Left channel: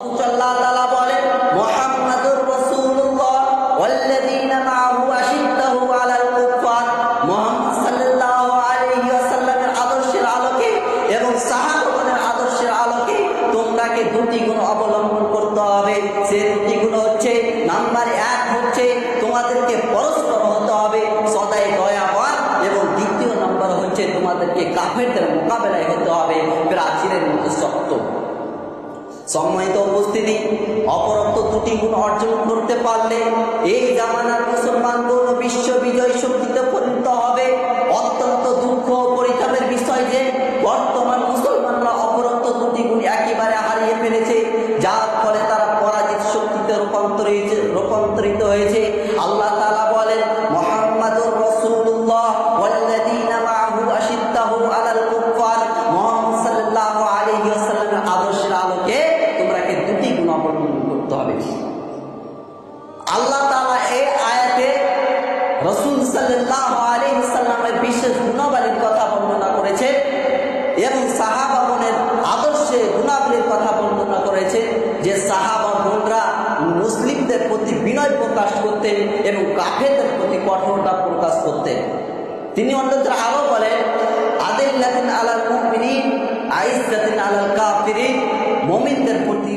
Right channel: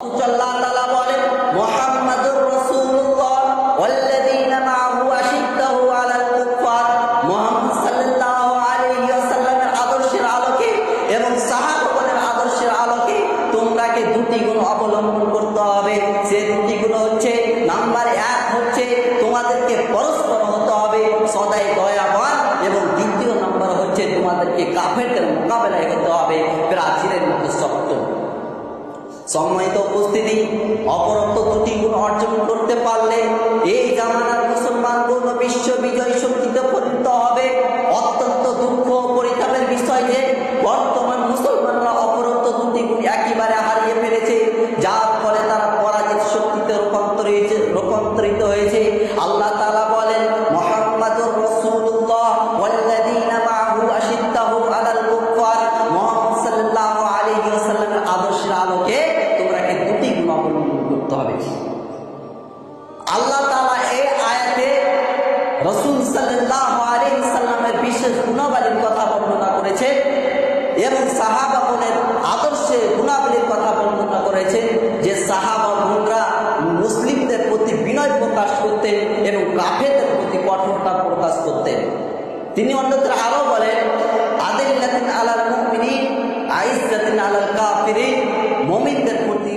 আল্লাহ তাআলা বলেন মুহাম্মাদুর রাসূলুল্লাহ ওয়াল্লাযীনা মাআহু আশিদ্দাহু আলাল কুফার। মুহাম্মদ সাল্লাল্লাহু আলাইহি ওয়াসাল্লামের আদর্শের আলোকে এবং সাহাবাগণের আদর্শের আলোকে তোমরাকে দুটি গুণ অবলম্বন করতে হবে। সে দুটি গুণ হচ্ছে, নাম্বার 1 হচ্ছে তোমাদেরকে পরস্পর হতে হবে সদাই দয়াবান, এবং দ্বিতীয় নম্বর হচ্ছে তোমাদেরকে কাফেরদের মোকাবেলায় হতে হবে প্রাচীরের মতো শক্ত। সম্মানিত উপস্থিতি, অপরোক্ত দুটি গুণ অর্জন করতে পারলে এই জামানার মুসলমানগণ বিশ্ব বিজয় শক্তিতে পরিণত হবে। অত্যন্ত দুঃখ ও পরিতাপের বিষয় যে বর্তমান মুসলমানরা অপরোক্ত দুটি গুণ একেবারে হারিয়ে ফেলেছে, যার ফলে তারা পরাজিত শক্তিতে রূপান্তরিত হয়েছে। আল্লাহ তাআলা বলেন মুহাম্মাদুর রাসূলুল্লাহ ওয়াল্লাযীনা মাআহু আশিদ্দাহু আলাল কুফার। মুহাম্মদ সাল্লাল্লাহু আলাইহি ওয়াসাল্লামের আদর্শের আলোকে তোমরাকে দুটি গুণ অবলম্বন করতে হবে। আল্লাহ তাআলা এই আয়াতে রাসূল সাল্লাল্লাহু আলাইহি ওয়াসাল্লামের বিশেষ গুণাবলীর কথা বর্ণনা করেছেন এবং সাহাবাগণের আদর্শে গুণাবলীর কথা বর্ণনা করেছেন যে সাহাবাগণরা মুসলিমদের প্রতি বিনয় প্রকাশ করতেন এবং কাফেরদের প্রতি কঠোরতা প্রকাশ করতেন। তিনি অন্যত্র আরো বলেন আদিল্লাতিন আলাল মুমিনিন আইজ্জাতিন আলাল কাফিরিন। মুমিনদের প্রতি